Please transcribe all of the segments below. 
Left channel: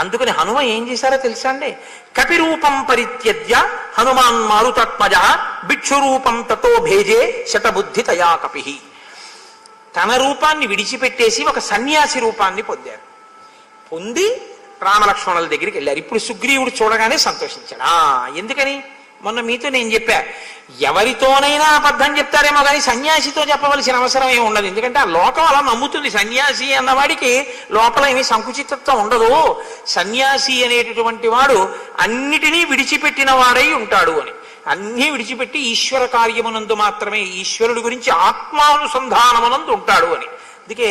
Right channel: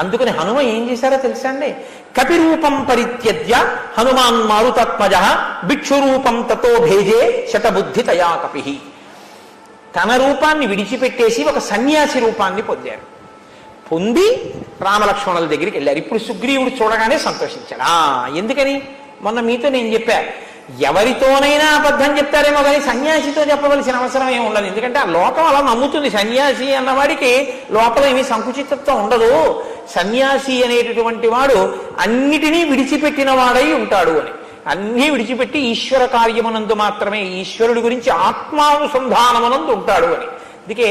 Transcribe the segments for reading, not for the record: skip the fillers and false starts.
అందుకని హనుమ ఏం చేశారో తెలుసా అండి? కపిరూపం పరిత్యజ్య హనుమాన్ మారుతాత్మజ భిక్షురూపం తతో భేజే శతబుద్ధి తయా కపి. తన రూపాన్ని విడిచిపెట్టేసి ఒక సన్యాసి రూపాన్ని పొందారు. పొంది రామలక్ష్మణుల దగ్గరికి వెళ్ళారు. ఇప్పుడు సుగ్రీవుడు చూడగానే సంతోషించాడు. ఎందుకని? మొన్న మీతో నేను చెప్పా, ఎవరితోనైనా అబద్ధం చెప్తారేమో కానీ సన్యాసితో చెప్పవలసిన అవసరం ఏమి ఉండదు. ఎందుకంటే ఆ లోకం అలా నమ్ముతుంది. సన్యాసి అన్నవాడికి లోపల ఏమి సంకుచితత్వం ఉండదు. సన్యాసి అనేటటువంటి వాడు అన్నిటినీ విడిచిపెట్టిన వాడై ఉంటాడు అని. అన్నీ విడిచిపెట్టి ఈశ్వర కార్యమునందు మాత్రమే, ఈశ్వరుడి గురించి ఆత్మానుసంధానమునందు ఉంటాడు అని. అందుకే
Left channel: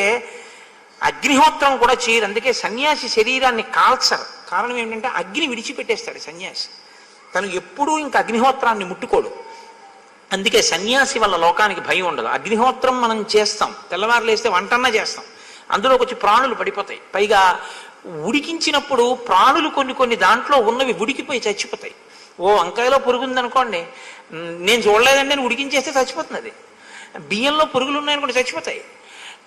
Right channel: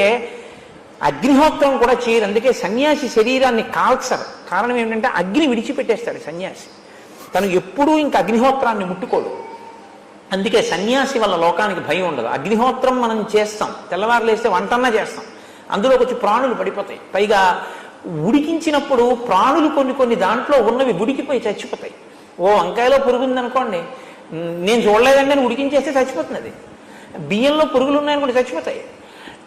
అగ్నిహోత్రం కూడా చేయరు. అందుకే సన్యాసి శరీరాన్ని కాల్చరు. కారణం ఏమిటంటే అగ్ని విడిచిపెట్టేస్తాడు సన్యాసి. తను ఎప్పుడూ ఇంకా అగ్నిహోత్రాన్ని ముట్టుకోడు. అందుకే సన్యాసి వల్ల లోకానికి భయం ఉండదు. అగ్నిహోత్రం మనం చేస్తాం, తెల్లవారులు వేస్తే వంటన్నా చేస్తాం, అందులోకి వచ్చి ప్రాణులు పడిపోతాయి. పైగా ఉడికించినప్పుడు ప్రాణులు కొన్ని దాంట్లో ఉన్నవి ఉడికిపోయి చచ్చిపోతాయి. ఓ వంకాయలో పురుగు ఉందనుకోండి, నేను చూడలేదండి అని ఉడికించేస్తే చచ్చిపోతుంది. అది బియ్యంలో పురుగులు ఉన్నాయనుకోండి చచ్చిపోతాయి.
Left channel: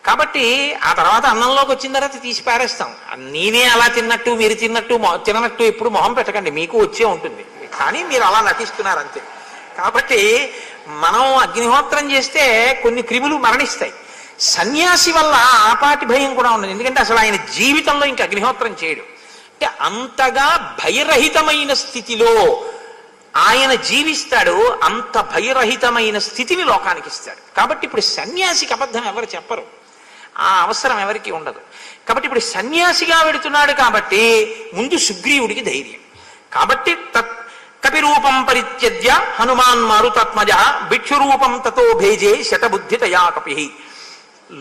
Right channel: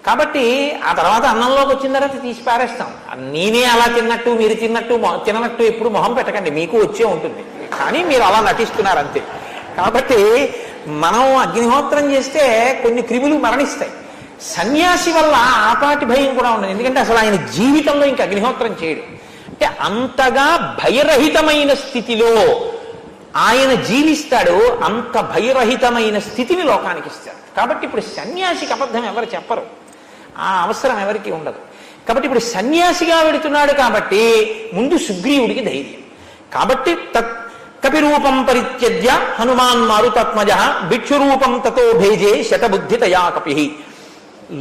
కాబట్టి ఆ తర్వాత అన్నంలోకి వచ్చిన తర్వాత తీసి పారేస్తాం. నేనే అలా తిన్నట్టు మీరు తిననట్టు ఎప్పుడు మొహం పెట్టకండి, మీకు వచ్చే ఉంటుంది. కానీ మీరు అలా నటిస్తున్నారు అంతే. కాబట్టి మనం అగ్నిహోత్రం చేస్తే కొన్ని క్రిములు మరణిస్తాయి. సన్యాసి వల్ల ఆపాటి భయం కూడా ఉండదు. ఎందుకంటే అసలు ఆయన జీవితంలో ఇంకా అగ్నిహోత్రం చేయడు. అంటే అంతగా భయరహితమైన స్థితిలో ఆయన జీవిస్తాడు. అంత భయరహితమైన స్థితిని లోకానికి ఇస్తాడు. కాబట్టి ఇప్పుడు సన్యాసికి అబద్ధం ఎవరు చెప్పరు, ఆ అవసరం ఎవరికి ఉండదు. కాబట్టి ఇప్పుడు సన్యాసిగా వెడుతున్నాడు కాబట్టి ముందు సుగ్రీవుడికి ధైర్యం. కాబట్టి కపిరూపం పరిత్యజ్య హనుమాన్ మారుతాత్మజ భిక్షురూపం తతో భేజే శతబుద్ధి తయా కపి.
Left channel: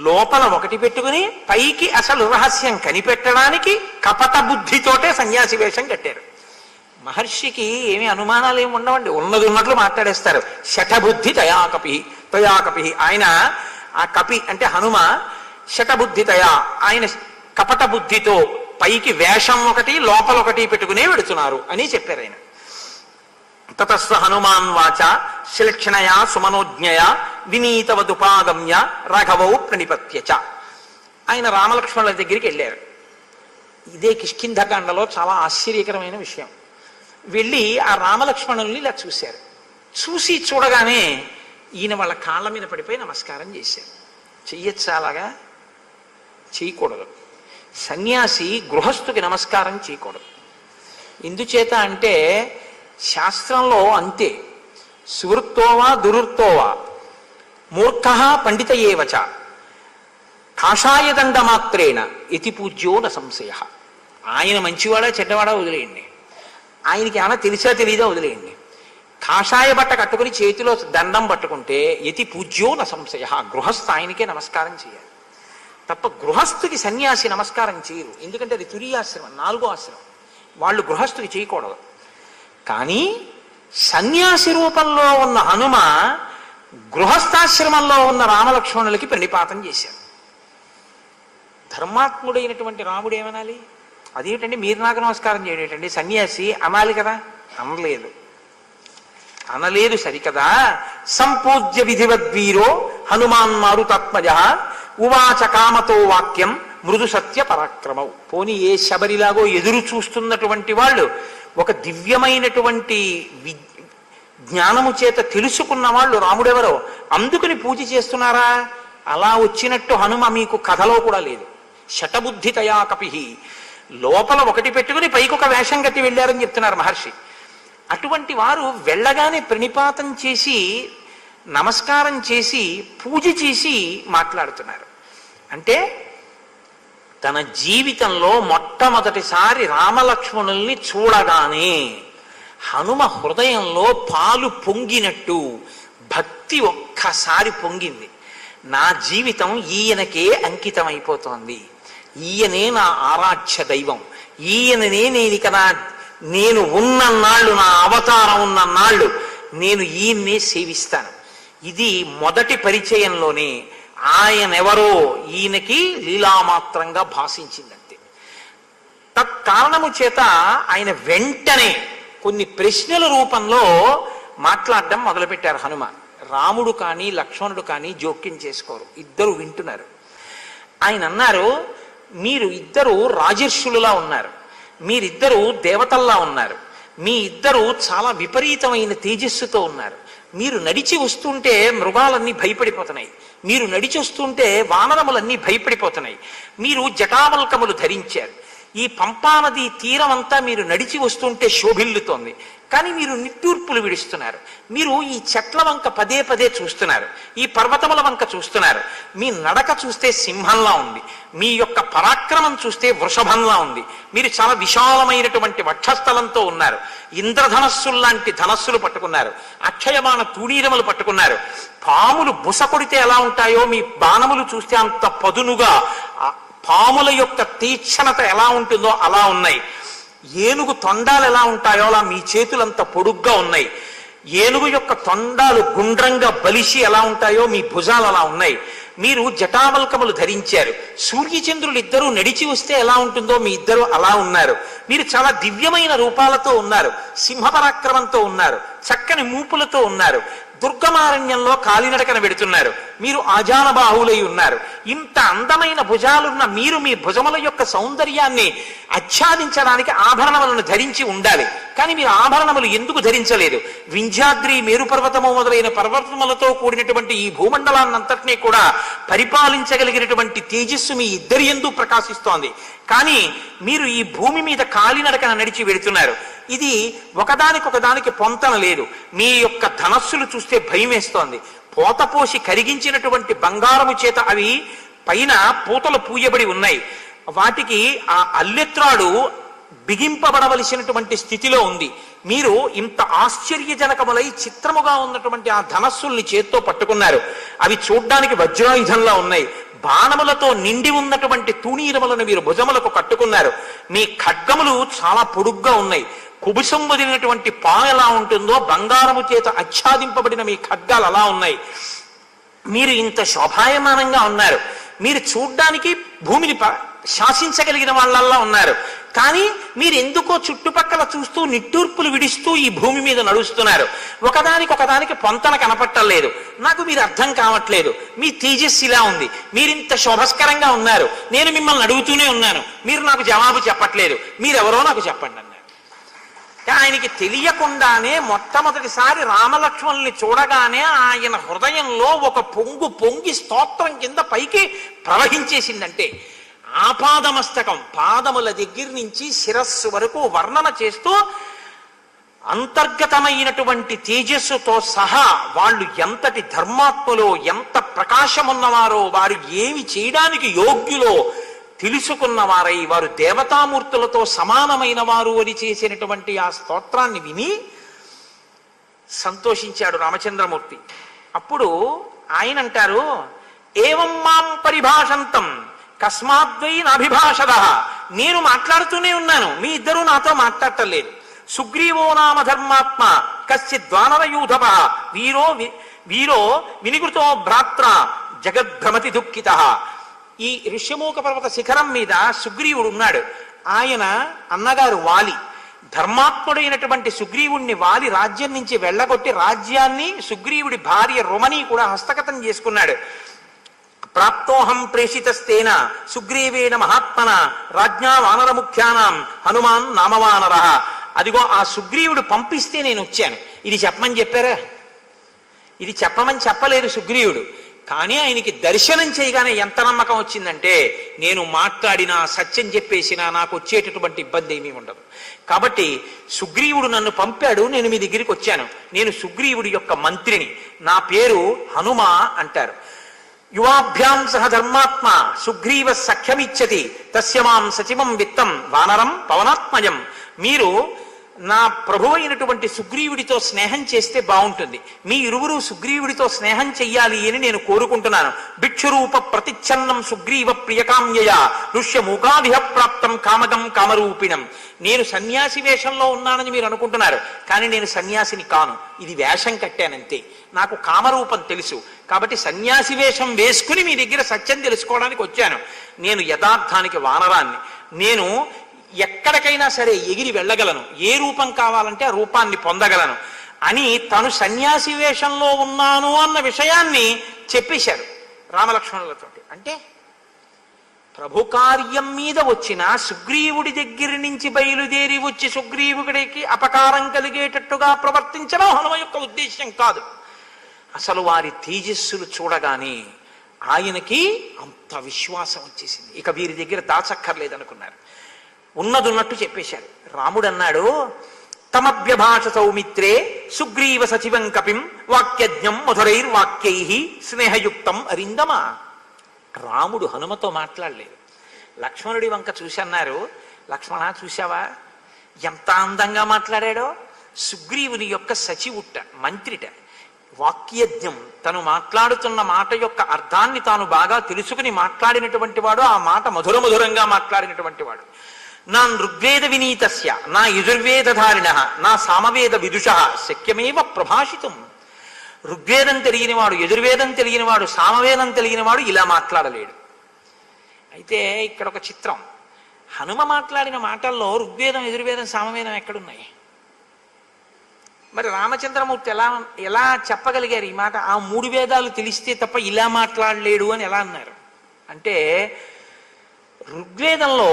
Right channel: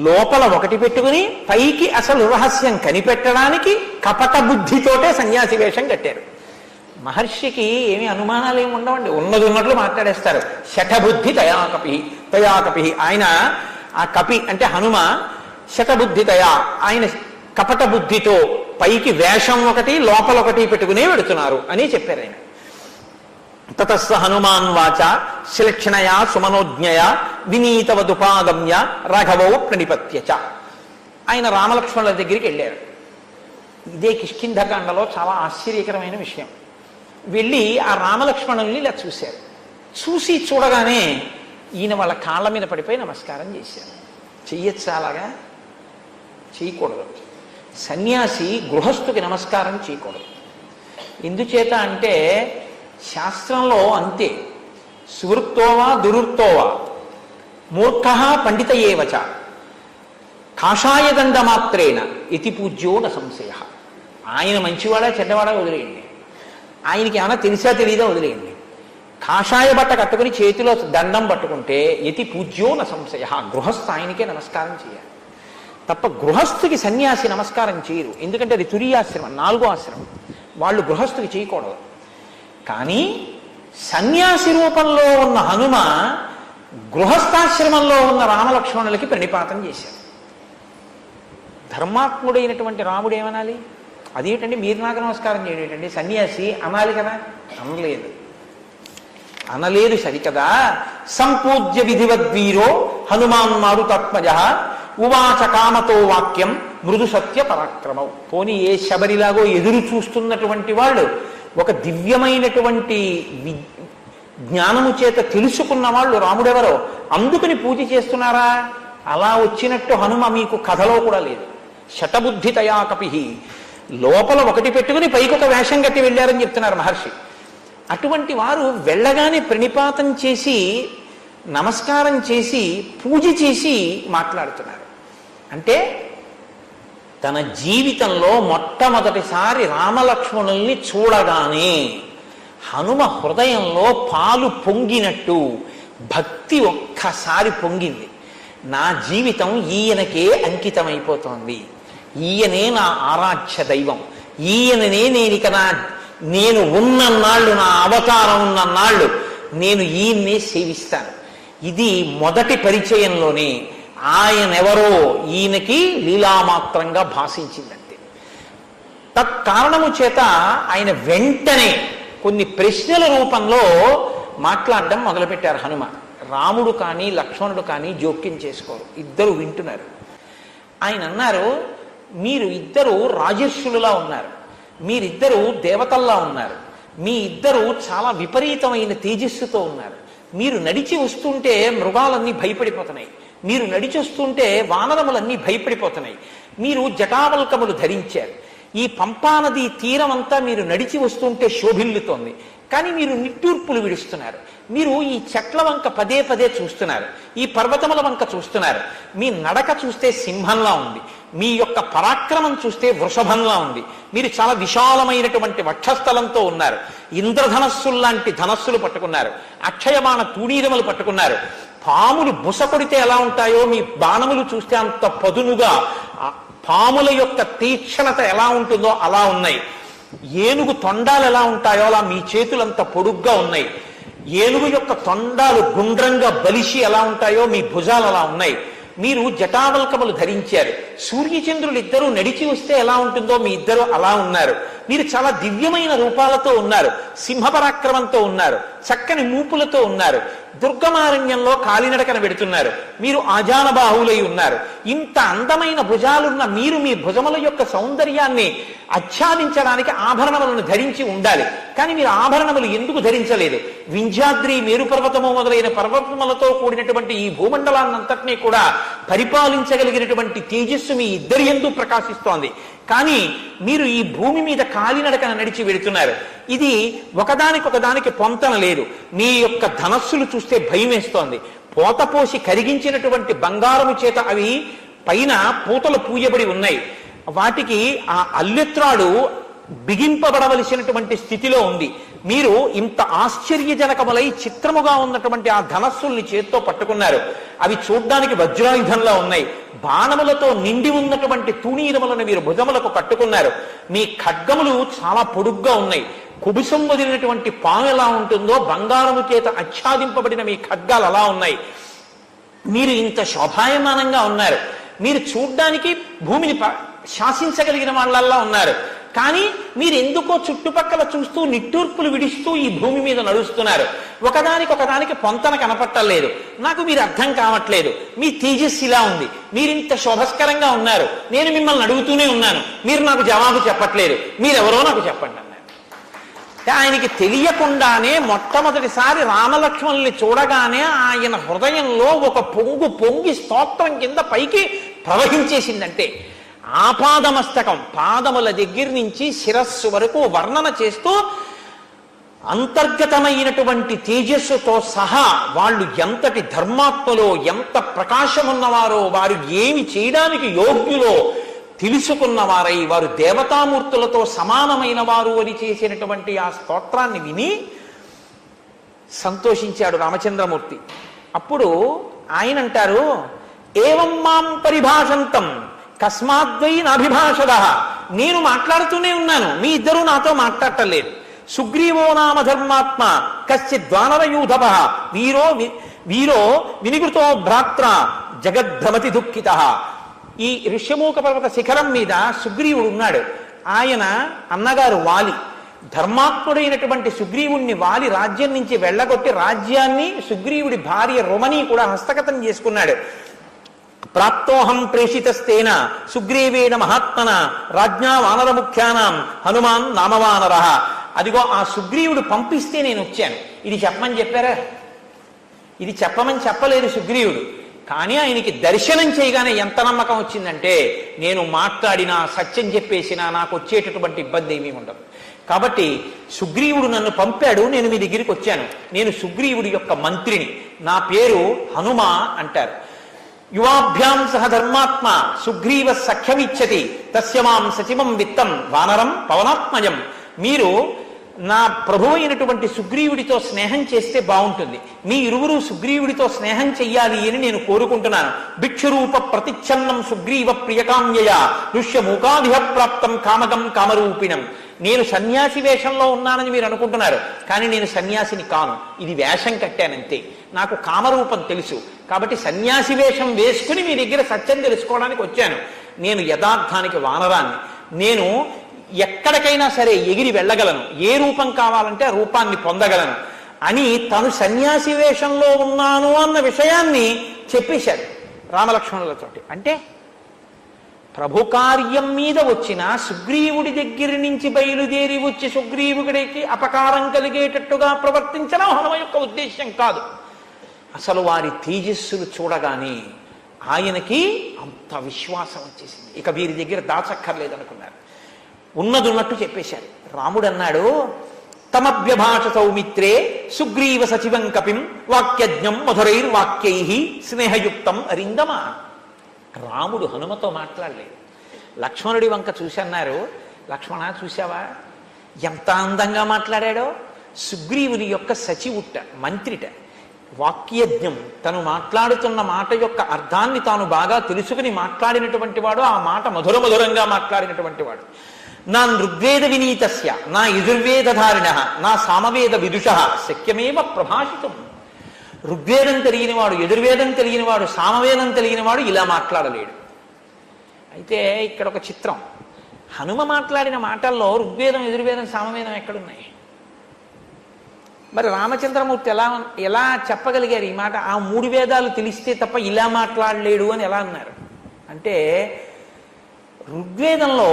లోపల ఒకటి పెట్టుకుని పైకి అసలు రహస్యం కనిపెట్టడానికి కపట బుద్ధితోటే సన్యాసి వేషం కట్టారు. మహర్షికి ఏమి అనుమానాలు ఏమి ఉండవండి, ఉన్నది ఉన్నట్లు మాట్లాడేస్తారు. శతబుద్ధి తయా కపి. ఆయన ఆ కపి అంటే హనుమ శతబుద్ధి తయా, ఆయన కపట బుద్ధితో పైకి వేషం ఒకటి లోపల ఒకటి పెట్టుకునే వెడుతున్నారు అని చెప్పారు ఆయన. తతస్స హనుమాన్ వాచ శ్లక్షణయా సుమనోజ్ఞయా వినీతవదుపాదమ్య రాఘవౌ ప్రణిపత్యచ. ఆయన రామలక్ష్మణుల దగ్గరికి వెళ్ళారు. ఇదే కిష్కింధకాండలో చాలా ఆశ్చర్యకరమైన విషయం. వెళ్ళి ఆ రామలక్ష్మణుల్ని ఇలా చూశారు. చూడగానే ఈయన వాళ్ళ కాళ్ళ మీద పడిపోయి నమస్కారం చేశారు. చెయ్యొచ్చా? అలాగా చేయకూడదు. సన్యాసి గృహస్థుకి నమస్కారం చేయకూడదు. ఎందుచేత అంటే శాస్త్రంలో అంతే, సువృత్తోవా దురుత్తోవా మూర్ఖ పండిత ఏవచ కాషాయదండ మాత్రేణ ఇతి పూజ్యో న సంశయ. ఆయన మంచివాడా చెడ్డవాడా వదిలేయండి, ఆయనకి ఏమైనా తెలిసా తెలియదా వదిలేయండి. కాషాయ బట్ట కట్టుకుని చేతిలో దండం పట్టుకుంటే యతి పూజ్యో న సంశయ, గృహస్థ ఆయనకే నమస్కారం చేయాలి తప్ప గృహస్థుకి సన్యాసి నమస్కారం చేయరు. ఎందుకంటే అది తురియాశ్రమం, 4వ ఆశ్రమం, వాళ్ళు గృహస్థుకి చేయకూడదు. కానీ సన్యాసి రూపంలో ఉన్న హనుమ గృహస్థాశ్రమంలో ఉన్న రామలక్ష్మణులకి ప్రణిపాతం చేశారు. ధర్మాత్ముడైనటువంటి రాముడు ఏమనాలి? అదేంటండి మీరు నాకు నమస్కారం చేయటండి సన్యాసి అనాలి కదా. అనలేదు సరికదా. సంపూజ్య విధివద్వీరో హనుమాన్ మారుతాత్మజ ఉవాచ కామతో వాక్యం మృదు సత్య పరాక్రమం. పోనీ ఏ శబరిలాగో ఎదురు చూస్తున్నటువంటి వాళ్ళు ఒక దివ్యమైనటువంటి జ్ఞానము చేత తెలుసుకున్న వాళ్ళు రాముడెవరో అందుకుని పూజ చేస్తున్నారా? అలా వచ్చినట్టు హనుమ మీకు కథలో కూడా లేదు. శతబుద్ధి తయా కపి, లోపల ఒకటి పెట్టుకుని పైకొక వేషం కట్టి వెళ్ళారని చెప్తున్నారు మహర్షి. అటువంటి వారు వెళ్ళగానే ప్రణిపాతం చేసి నమస్కారం చేసి పూజ చేసి మాట్లాడుతున్నారు. అంటే తన జీవితంలో మొట్టమొదటిసారి రామలక్ష్మణుల్ని చూడగానే హనుమ హృదయంలో పాలు పొంగినట్టు భక్తి ఒక్కసారి పొంగింది. నా జీవితం ఈయనకే అంకితమైపోతోంది, ఈయనే నా ఆరాధ్య దైవం, ఈయననే నేను ఉన్నన్నాళ్ళు, నా అవతారం ఉన్నన్నాళ్ళు నేను ఈయన్నే సేవిస్తాను. ఇది మొదటి పరిచయంలోనే ఆయనెవరో ఈయనకి లీలామాత్రంగా భాషించిందంతే. తత్కారణము చేత ఆయన వెంటనే కొన్ని ప్రశ్నల రూపంలో మాట్లాడడం మొదలుపెట్టారు హనుమ. రాముడు కానీ లక్ష్మణుడు కానీ జోక్యం చేసుకోరు, ఇద్దరు వింటున్నారు. ఆయన అన్నారు, మీరు ఇద్దరు రాజర్షులులా ఉన్నారు, మీరిద్దరూ దేవతల్లా ఉన్నారు. మీ ఇద్దరు చాలా విపరీతమైన తేజస్సుతో ఉన్నారు. మీరు నడిచి వస్తుంటే మృగాలన్నీ భయపడిపోతున్నాయి. మీరు నడిచి వస్తుంటే వానరములన్నీ భయపడిపోతున్నాయి. మీరు జటావల్కములు ధరించారు. ఈ పంపానది తీరం అంతా మీరు నడిచి వస్తుంటే శోభిల్లుతోంది. కానీ మీరు నిట్టూర్పులు విడుస్తున్నారు. మీరు ఈ చెట్ల వంక పదే పదే చూస్తున్నారు. ఈ పర్వతముల వంక చూస్తున్నారు. మీ నడక చూస్తే సింహంలా ఉంది. మీ యొక్క పరాక్రమం చూస్తే వృషభంలా ఉంది. మీరు చాలా విశాలమైనటువంటి వక్షస్థలంతో ఉన్నారు. ఇంద్రధనస్సుల్లాంటి ధనస్సులు పట్టుకున్నారు. అక్షయమాన తూణీరములు పట్టుకున్నారు. పాములు బుస కొడితే ఎలా ఉంటాయో మీ బాణములు చూస్తే అంత పదునుగా, పాముల యొక్క తీక్షణత ఎలా ఉంటుందో అలా ఉన్నాయి. ఏనుగు తొండాలు ఎలా ఉంటాయో అలా మీ చేతులంత పొడుగ్గా ఉన్నాయి. ఏనుగు యొక్క తొండాలు గుండ్రంగా బలిసి ఎలా ఉంటాయో మీ భుజాలు అలా ఉన్నాయి. మీరు జటావల్కములు ధరించారు. సూర్యచంద్రులు ఇద్దరూ నడిచి వస్తే ఎలా ఉంటుందో మీ ఇద్దరు అలా ఉన్నారు. మీరు చాలా దివ్యమైన రూపాలతో ఉన్నారు. సింహపరాక్రమంతో ఉన్నారు. చక్కని మూపులతో ఉన్నారు. దుర్గమారణ్యంలో కాలినడకన వెడుతున్నారు. మీరు ఆజానబాహులై ఉన్నారు. ఇంత అందమైన భుజాలున్న మీరు మీ భుజముల యొక్క సౌందర్యాన్ని ఆచ్ఛాదించడానికి ఆభరణములను ధరించి ఉండాలి. కానీ మీరు ఆభరణములు ఎందుకు ధరించలేదు? వింధ్యాద్రి, మేరు పర్వతము మొదలైన పర్వతములతో కూడినటువంటి ఈ భూమండలాన్నంతటినీ కూడా పరిపాలించగలిగినటువంటి తేజస్సు మీ ఇద్దరి యందు ప్రకాశిస్తోంది. కానీ మీరు ఈ భూమి మీద కాలినడకన నడిచి వెడుతున్నారు. ఇది ఒకదానికొకదానికి పొంతన లేదు. మీ యొక్క ధనస్సులు చూస్తే భయం వేస్తోంది. పోతపోసి కరిగించినటువంటి బంగారము చేత అవి పైన పూతలు పూయబడి ఉన్నాయి. వాటికి ఆ అల్లెత్రాడు బిగింపబడవలసినటువంటి స్థితిలో ఉంది. మీరు ఇంత ఆశ్చర్యజనకములై చిత్రముగా ఉన్నటువంటి ఆ ధనస్సుల్ని చేత్తో పట్టుకున్నారు. అవి చూడ్డానికి వజ్రాయుధంలా ఉన్నాయి. బాణములతో నిండి ఉన్నటువంటి తూణీరములను మీరు భుజములకు కట్టుకున్నారు. మీ ఖడ్గములు చాలా పొడుగ్గా ఉన్నాయి. కుబుసం వదిలినటువంటి పాము ఎలా ఉంటుందో బంగారము చేత ఆచ్ఛాదింపబడిన మీ ఖడ్గాలు అలా ఉన్నాయి. మీరు ఇంత శోభాయమానంగా ఉన్నారు. మీరు చూడ్డానికి భూమిని శాసించగలిగిన వాళ్ళల్లా ఉన్నారు. కానీ మీరు ఎందుకో చుట్టుపక్కల చూస్తూ నిట్టూర్పులు విడిస్తూ ఈ భూమి మీద నడుస్తున్నారు. ఒకదానికి పొంతన కనపట్టలేదు. నాకు మీరు అర్థం కావట్లేదు. మీ తేజస్సు ఇలా ఉంది. మీరింత శోభస్కరంగా ఉన్నారు. నేను మిమ్మల్ని అడుగుతూనే ఉన్నాను. మీరు నాకు జవాబు చెప్పట్లేదు. మీరెవరో నాకు చెప్పండి అన్నారు. ఆయనకి తెలియకుండానే మొట్టమొదటిసారి రామలక్ష్మణుల్ని చూడగానే ఆయన హృదయంలో ఒక పొంగి స్తోత్రం కింద పైకి ప్రవహించేసిందంటే, ఆపాదమస్తకం పాదముల దగ్గర నుంచి శిరస్సు వరకు వర్ణన చేస్తూ అంతర్గతమైనటువంటి తేజస్సుతో సహా వాళ్ళు ఎంతటి ధర్మాత్మలో, ఎంత ప్రకాశమున్నవారో, వారు ఏమి చేయడానికి యోగ్యులో తెలుసుకున్నవారై వారు దేవతామూర్తులతో సమానమైన వారు అని చేసినటువంటి ఆ స్తోత్రాన్ని విని సంతోషించాడు రామచంద్రమూర్తి. అప్పుడు ఆయన అంటారు, ఏవం మాం పరిభాషంతం కస్మాద్వై నాభిభాషద. నేను మాట్లాడుతూనే ఉన్నాను, మీ ఇద్దరూ నాతో మాట్లాడటలేదు. సుగ్రీవో నామ ధర్మాత్మ కశ్చిద్వానరయూధవ వీరో వినిగృతో భ్రాత్ర జగద్భ్రమతి దుఃఖిత. ఈ ఋష్యమూక పర్వత శిఖరం మీద సుగ్రీవుడు ఉన్నాడు. ఆయన అన్నగారు వాలి. ధర్మాత్ముడైనటువంటి సుగ్రీవుణ్ణి వాలి రాజ్యం నుంచి వెళ్ళగొట్టి రాజ్యాన్ని సుగ్రీవుడి భార్య రుమని కూడా హస్తగతం చేసుకున్నాడు. ప్రాప్తోహం ప్రేషితస్తేన సుగ్రీవేణ మహాత్మన రాజ్ఞా వానర ముఖ్యానాం హనుమాన్ నామవానర. అదిగో ఆ సుగ్రీవుడు పంపిస్తే నేను వచ్చాను. ఇది చెప్పమని చెప్పారా? ఇది చెప్పమని చెప్పలేదు సుగ్రీవుడు. కానీ ఆయనకి దర్శనం చేయగానే ఎంత నమ్మకం వచ్చిందంటే, నేను మాట్లాడినా సత్యం చెప్పేసినా నాకు వచ్చేటటువంటి ఇబ్బంది ఏమీ ఉండదు. కాబట్టి సుగ్రీవుడు నన్ను పంపాడు, నేను మీ దగ్గరికి వచ్చాను. నేను సుగ్రీవుడి యొక్క మంత్రిని. నా పేరు హనుమ అంటారు. యువాభ్యాం సహ ధర్మాత్మ సుగ్రీవ సఖ్యమిచ్చతి తస్యమాం సచివం విత్తం వానరం పవనాత్మజం. మీరు నా ప్రభు అయినటువంటి సుగ్రీవుడితో స్నేహం చేస్తే బాగుంటుంది. మీ ఇరువురు సుగ్రీవుడితో స్నేహం చెయ్యాలి అని నేను కోరుకుంటున్నాను. భిక్షురూప ప్రతిచ్ఛన్నం సుగ్రీవ ప్రియకామ్యయ ఋష్యమూకాదిహ ప్రాప్తం కామగం కామరూపిణం. నేను సన్యాసి వేషంలో ఉన్నానని మీరు అనుకుంటున్నారు, కానీ నేను సన్యాసిని కాను. ఇది వేషం కట్టానంతే. నాకు కామరూపం తెలుసు. కాబట్టి సన్యాసి వేషం వేసుకుని మీ దగ్గర సత్యం తెలుసుకోవడానికి వచ్చాను. నేను యథార్థానికి వానరాన్ని. నేను ఎక్కడికైనా సరే ఎగిరి వెళ్ళగలను. ఏ రూపం కావాలంటే ఆ రూపాన్ని పొందగలను అని తను సన్యాసి వేషంలో ఉన్నాను అన్న విషయాన్ని చెప్పేశారు రామలక్ష్మణులతోటి. అంటే ప్రభు కార్యం మీద వచ్చిన సుగ్రీవుడి దగ్గర నుంచి బయలుదేరి వచ్చి సుగ్రీవుడికి అపకారం కలిగేటట్టుగా ప్రవర్తించడం హనుమ యొక్క ఉద్దేశ్యం కాదు. అసలు వారి తేజస్సులు చూడగానే ఆయనకి అంత విశ్వాసం వచ్చేసింది. ఇక వీరి దగ్గర దాచక్కర్లేదనుకున్నారు. ఉన్నదున్నట్టు చెప్పేశారు. రాముడు అన్నాడు, తమభ్యభాష సౌమిత్రే సుగ్రీవ సచివం కపిం వాక్యజ్ఞం మధురైర్వాక్యై స్నేహయుక్తం అరిందమ. రాముడు హనుమతో మాట్లాడలేదు. లక్ష్మణుడి వంక చూసి అన్నారు, లక్ష్మణ చూశావా ఎంత అందంగా మాట్లాడాడో. సుగ్రీవుని యొక్క సచివుట్ట, మంత్రిట, వాక్యజ్ఞం, తను మాట్లాడుతున్న మాట యొక్క అర్థాన్ని తాను బాగా తెలుసుకుని మాట్లాడినటువంటి వాడు, ఆ మాట మధురంగా మాట్లాడినటువంటి వాడు. నా ఋగ్వేద వినీతస్య నా యజుర్వేదధారిణ నా సామవేద విదుష శక్యమేవ ప్రభాషితం. ఋగ్వేదం తెలియనివాడు, యజుర్వేదం తెలియనివాడు, సామవేదం తెలియనివాడు ఇలా మాట్లాడలేడు. అయితే ఇక్కడ ఒక చిత్రం, హనుమ మాట్లాడిన మాటల్లో ఋగ్వేదం, యజుర్వేదం, సామవేదం ఎక్కడున్నాయి? మరి రామచంద్రమూర్తి ఎలా చెప్పగలిగారు ఈ మాట? ఆ 3 వేదాలు తెలిస్తే తప్ప ఇలా మాట్లాడలేడు అని ఎలా అన్నారు అంటే, ఋగ్వేదంలో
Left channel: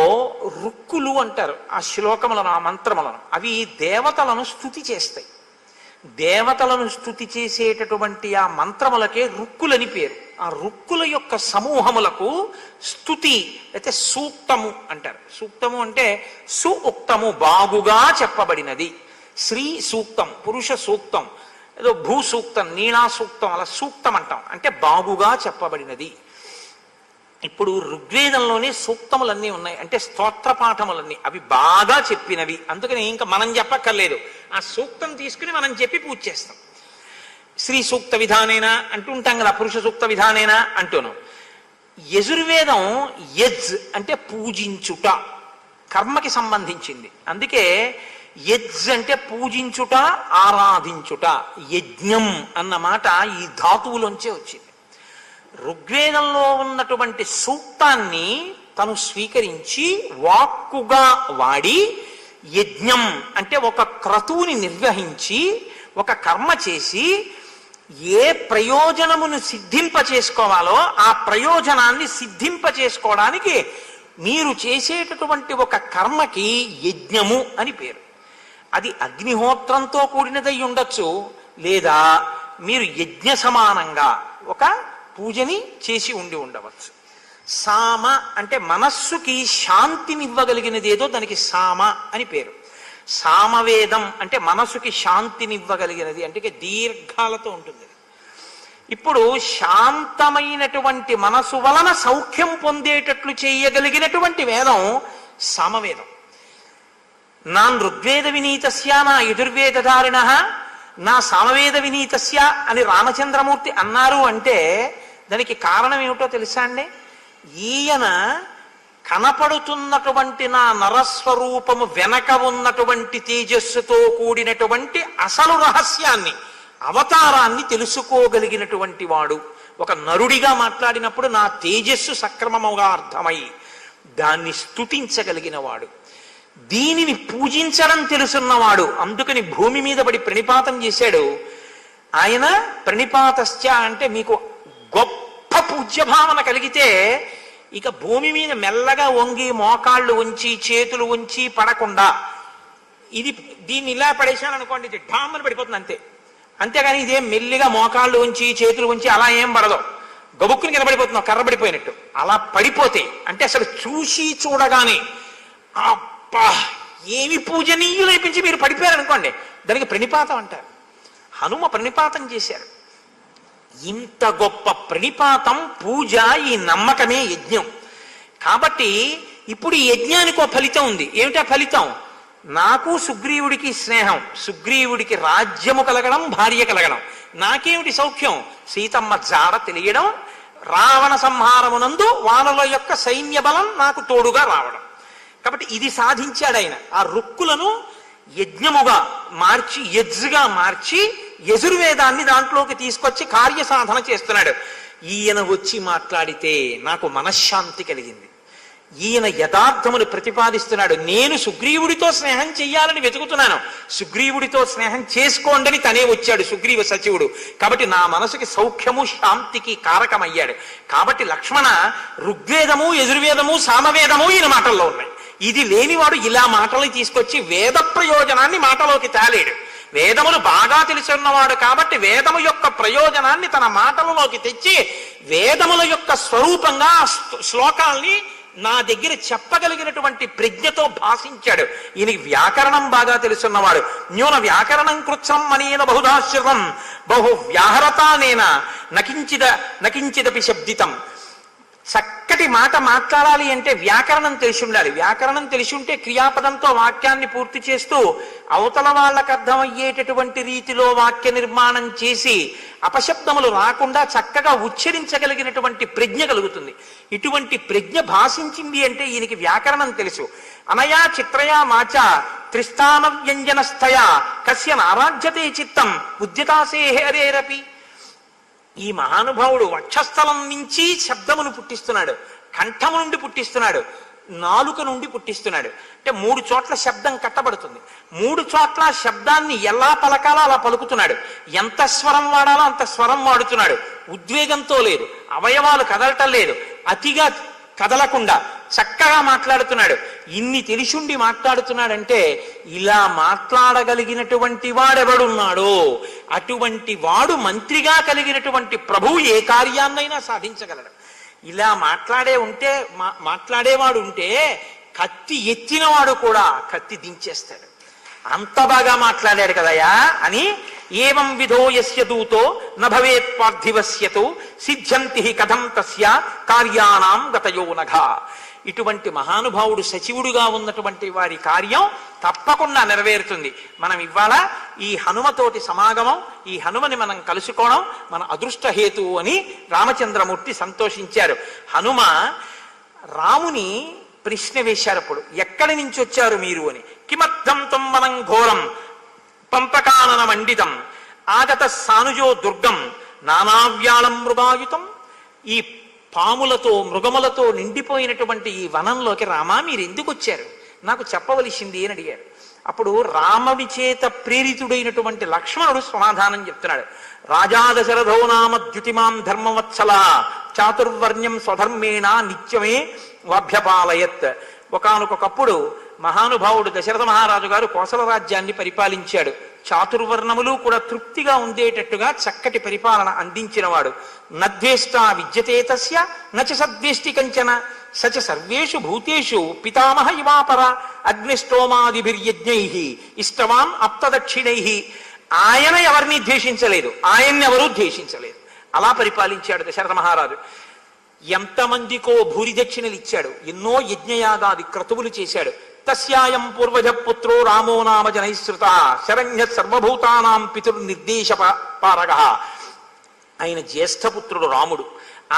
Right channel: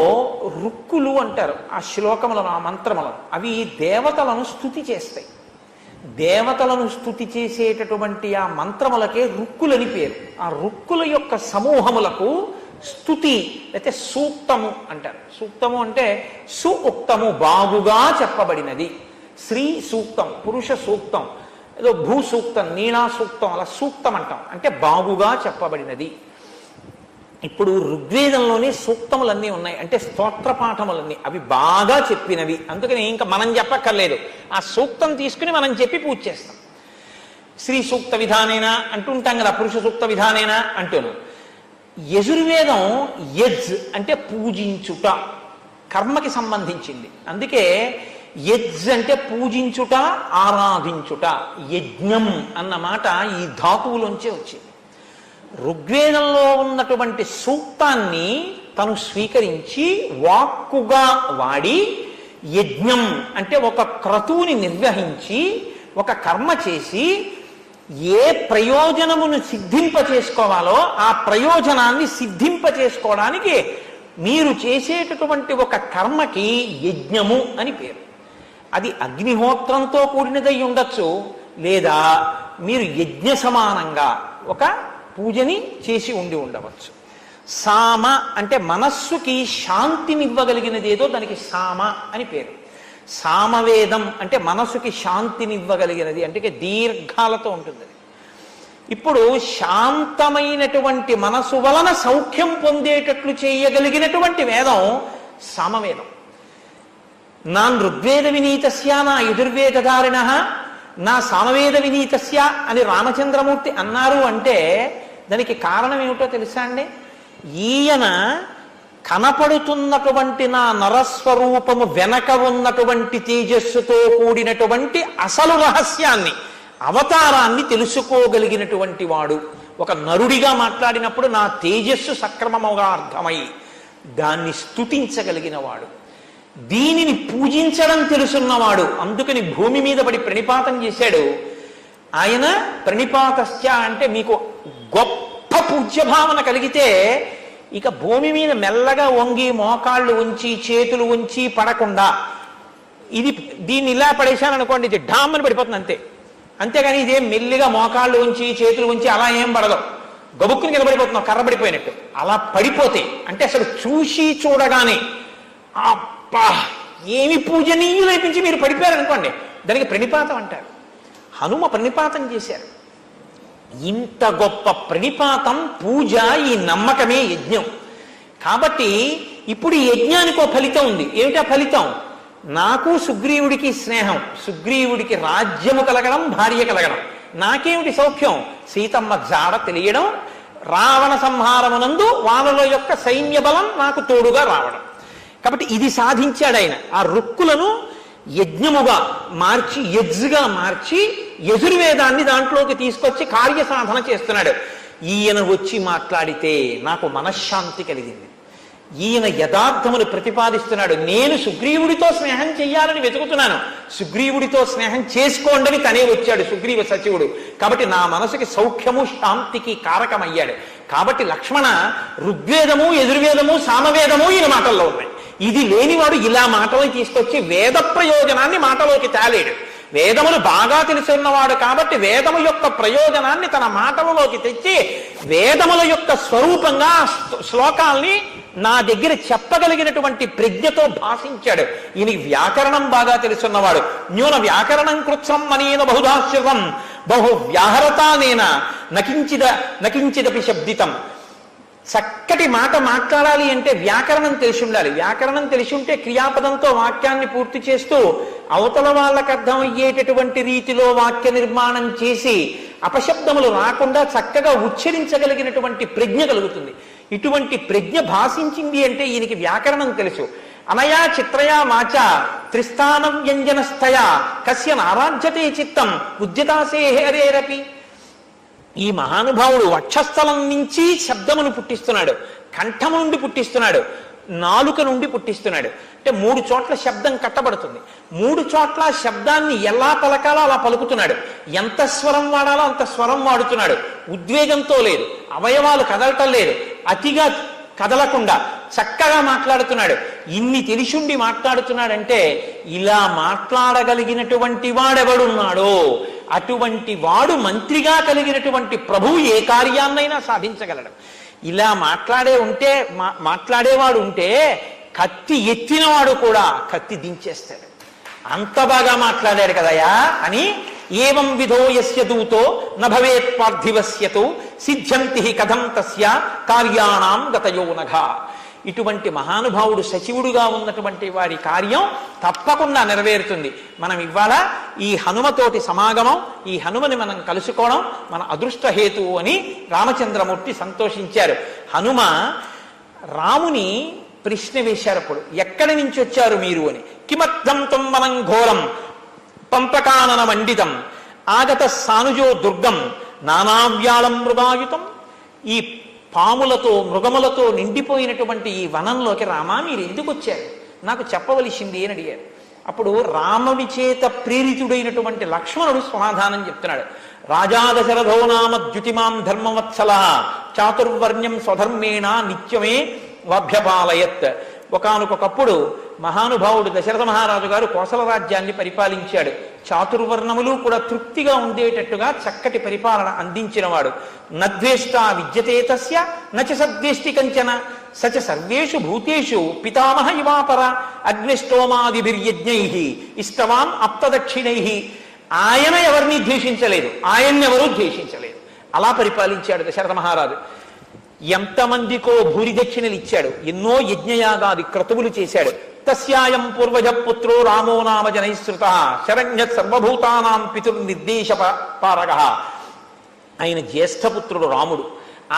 రుక్కులు అంటారు ఆ శ్లోకములను, ఆ మంత్రములను. అవి దేవతలను స్తుతి చేస్తాయి. దేవతలను స్తుతి చేసేటటువంటి ఆ మంత్రములకే రుక్కులని పేరు. ఆ రుక్కుల యొక్క సమూహములకు స్తుతి అయితే సూక్తము అంటారు. సూక్తము అంటే సుఉక్తము, బాగుగా చెప్పబడినది. శ్రీ సూక్తం, పురుష సూక్తం, ఏదో భూ సూక్తం, నీణా సూక్తం, అలా సూక్తం అంటాం. అంటే బాగుగా చెప్పబడినది. ఇప్పుడు ఋగ్వేదంలోనే సూక్తములన్నీ ఉన్నాయి, అంటే స్తోత్ర పాఠములన్నీ, అవి బాగా చెప్పినవి. అందుకని ఇంకా మనం చెప్పక్కర్లేదు, ఆ సూక్తం తీసుకుని మనం చెప్పి పూజ చేస్తాం. శ్రీ సూక్త విధానేనా అంటుంటాం కదా, పురుష సూక్త విధానేనా అంటూను. యజుర్వేదం యజ్ అంటే పూజించుట, కర్మకి సంబంధించింది. అందుకే యజ్ అంటే పూజించుట, ఆరాధించుట. యజ్ఞం అన్న మాట ఈ ధాతువులోంచే వచ్చింది. ఋగ్వేదంలో ఉన్నటువంటి సూక్తాన్ని తను స్వీకరించి వాక్కుగా వాడి, యజ్ఞం అంటే ఒక క్రతువుని నిర్వహించి ఒక కర్మ చేసి ఏ ప్రయోజనమును సిద్ధింపచేసుకోవాలో ఆ ప్రయోజనాన్ని సిద్ధింపచేసుకోవడానికి మీరు చేసేటటువంటి ఒక కర్మకి యజ్ఞము అని పేరు. అది అగ్నిహోత్రంతో కూడినదై ఉండొచ్చు, లేదా మీరు యజ్ఞ సమానంగా ఒక పూజని చేసి ఉండి ఉండవచ్చు. సామ అంటే మనస్సుకి శాంతినివ్వగలిగినదేదో దానికి సామ అని పేరు. సామవేదం అంటే మనసుకి శాంతినివ్వగలిగినది, అంటే దీర్ఘాలతో ఉంటుంది. ఇప్పుడు శాంతమైనటువంటి మనసు వలన సౌఖ్యం పొందేటట్లు చేయగలిగినటువంటి వేదం సామవేదం. నా ఋగ్వేద వినీతస్య నా యజుర్వేదధారిణ నా సామవేద వినీతస్య అని రామచంద్రమూర్తి అన్నారు అంటే దానికి కారణం ఏమిటో తెలుసా అండి? ఈయన కనపడుతున్నటువంటి నా నరస్వరూపము వెనక ఉన్నటువంటి తేజస్సుతో కూడినటువంటి అసలు రహస్యాన్ని, అవతారాన్ని తెలుసుకోగలిగినటువంటి వాడు. ఒక నరుడిగా మాట్లాడినప్పుడు నా తేజస్సు సక్రమముగా అర్థమై దాన్ని స్తుతించగలిగిన వాడు, దీనిని పూజించడం తెలుసున్నవాడు. అందుకని భూమి మీద పడి ప్రణిపాతం చేశాడు ఆయన. ప్రణిపాతశ్చ అంటే మీకు గొప్ప పూజ్యభావన కలిగితే ఇక భూమి మీద మెల్లగా వంగి మోకాళ్ళు ఉంచి చేతులు ఉంచి పడకుండా, దీన్ని ఇలా పడేశాననుకోండి ఇది డామ్మని పడిపోతుంది అంతే. అంతేగాని ఇదే మెల్లిగా మోకాళ్ళు ఉంచి చేతులు ఉంచి అలా ఏం పడదు, గబుక్కుని నిలబడిపోతున్నావు కర్రబడిపోయినట్టు. అలా పడిపోతే అంటే అసలు చూసి చూడగానే అబ్బా ఏమి పూజనీయులు లేపించి మీరు పడిపోయారనుకోండి, దానికి ప్రణిపాతం అంటారు. హనుమ ప్రణిపాతం చేశారు. ఇంత గొప్ప ప్రణిపాతం, పూజ, ఈ నమ్మకమే యజ్ఞం. కాబట్టి ఇప్పుడు ఈ యజ్ఞానికి ఒక ఫలితం ఉంది. ఏమిటా ఫలితం? నాకు సుగ్రీవుడికి స్నేహం, సుగ్రీవుడికి రాజ్యము కలగడం, భార్య కలగడం. నాకేమిటి సౌఖ్యం? సీతమ్మ జాడ తెలియడం, రావణ సంహారమునందు వాళ్ళలో యొక్క సైన్య బలం నాకు తోడుగా రావడం. కాబట్టి ఇది సాధించాడు ఆయన. ఆ రుక్కులను యజ్ఞముగా మార్చి, యజ్గా మార్చి, యజుర్వేదాన్ని దాంట్లోకి తీసుకొచ్చి కార్యసాధన చేస్తున్నాడు. ఈయన వచ్చి మాట్లాడితే నాకు మనశ్శాంతి కలిగింది. ఈయన యథార్థమును ప్రతిపాదిస్తున్నాడు. నేను సుగ్రీవుడితో స్నేహం చెయ్యాలని వెతుకుతున్నాను, సుగ్రీవుడితో స్నేహం చేసుకోండి తనే వచ్చాడు సుగ్రీవ సచివుడు. కాబట్టి నా మనసుకి సౌఖ్యము శాంతికి కారకమయ్యాడు. కాబట్టి లక్ష్మణ, ఋగ్వేదము యజుర్వేదము సామవేదము ఈయన మాటల్లో ఉన్నాయి. ఇది లేనివాడు ఇలా మాటలు తీసుకొచ్చి వేద ప్రయోజనాన్ని మాటలోకి తేలేడు. వేదములు బాగా తెలిసిన్నవాడు కాబట్టి వేదము యొక్క ప్రయోజనాన్ని తన మాటలలోకి తెచ్చి వేదముల యొక్క స్వరూపంగా శ్లోకాల్ని నా దగ్గర చెప్పగలిగినటువంటి ప్రజ్ఞతో భాషించాడు. ఈయన వ్యాకరణం బాగా తెలుసున్నవాడు. న్యూన వ్యాకరణం కృత్సం అనేన బహుధాశ్రితం బహు వ్యాహరతానేన నకించిదపి శబ్దితం. చక్కటి మాట మాట్లాడాలి అంటే వ్యాకరణం తెలిసి ఉండాలి. వ్యాకరణం తెలిసి ఉంటే క్రియాపదంతో వాక్యాన్ని పూర్తి చేస్తూ అవతల వాళ్ళకు అర్థమయ్యేటటువంటి రీతిలో వాక్య నిర్మాణం చేసి అపశబ్దములు రాకుండా చక్కగా ఉచ్చరించగలిగినటువంటి ప్రజ్ఞ కలుగుతుంది. ఇటువంటి ప్రజ్ఞ భాషించింది అంటే ఈయనకి వ్యాకరణం తెలుసు. అనయా చిత్రయా వాచ త్రిస్థాన వ్యంజనస్థయా కస్య నారాజ్యతే చిత్తం ఉద్యతాసే హరేరపి. ఈ మహానుభావుడు వక్షస్థలం నుంచి శబ్దమును పుట్టిస్తున్నాడు, కంఠము నుండి పుట్టిస్తున్నాడు, నాలుక నుండి పుట్టిస్తున్నాడు. అంటే 3 చోట్ల శబ్దం కట్టబడుతుంది. 3 చోట్ల శబ్దాన్ని ఎలా పలకాలో అలా పలుకుతున్నాడు. ఎంత స్వరం వాడాలో అంత స్వరం వాడుతున్నాడు. ఉద్వేగంతో లేదు, అవయవాలు కదలటం లేదు, అతిగా కదలకుండా చక్కగా మాట్లాడుతున్నాడు. ఇన్ని తెలిసుండి మాట్లాడుతున్నాడంటే ఇలా మాట్లాడగలిగినటువంటి వాడెవడున్నాడో అటువంటి వాడు మంత్రిగా కలిగినటువంటి ప్రభువు ఏ కార్యాన్నైనా సాధించగలడు. ఇలా మాట్లాడేవాడు ఉంటే కత్తి ఎత్తినవాడు కూడా కత్తి దించేస్తాడు. అంత బాగా మాట్లాడాడు కదయా అని ఏవం విధో యస్య దూతో నభవేత్ పార్థివస్యతు సిద్ధ్యంతి కథం తస్య కార్యానాం గతయో నఘ. ఇటువంటి మహానుభావుడు సచివుడుగా ఉన్నటువంటి వారి కార్యం తప్పకుండా నెరవేరుతుంది. మనం ఇవాళ ఈ హనుమతోటి సమాగమం, ఈ హనుమని మనం కలుసుకోవడం మన అదృష్ట హేతువు అని రామచంద్రమూర్తి సంతోషించారు. హనుమ రాముని ప్రశ్న వేశారప్పుడు, ఎక్కడి నుంచి వచ్చారు మీరు అని. కిమర్థం తం వనం ఘోరం పంపకానన మండితం ఆగత సానుజో దుర్గం నానావ్యాళం మృగాయుతం. ఈ పాములతో మృగములతో నిండిపోయినటువంటి ఈ వనంలోకి రామా మీరు ఎందుకు వచ్చారు, నాకు చెప్పవలసింది అని అడిగారు. అప్పుడు రామవి చేత ప్రేరితుడైనటువంటి లక్ష్మణుడు సమాధానం చెప్తున్నాడు. రాజా దశరథో నామ ద్యుతిమాం ధర్మవత్సల చాతుర్వర్ణ్యం స్వధర్మేణ నిత్యమే లభ్యపాలయత్. ఒకానొకప్పుడు మహానుభావుడు దశరథ మహారాజు గారు కోసల రాజ్యాన్ని పరిపాలించాడు. చాతుర్వర్ణములు కూడా తృప్తిగా ఉండేటట్టుగా చక్కటి పరిపాలన అందించినవాడు. నద్వేష్ట విద్యతే తస్య నచ సద్వేష్టి కంచన సచ సర్వేషు భూతేషు పితామహ ఇవాపర అగ్నిష్టోమాదిభిర్యజ్ఞై ఇష్టవాన్ అప్తదక్షిణై. ఆయన ఎవరిని ద్వేషించలేదు, ఆయన్నెవరూ ద్వేషించలేదు. అలా పరిపాలించాడు దశరథ మహారాజు. ఎంతమందికో భూరి దక్షిణలు ఇచ్చాడు, ఎన్నో యజ్ఞయాగాది క్రతువులు చేశాడు. తస్యాయం పూర్వజ పుత్రో రామో నామ జనైశ్రుత శరణ్య సర్వభూతానాం పితుర్నిర్దేశ పారక. ఆయన జ్యేష్ఠపుత్రుడు రాముడు.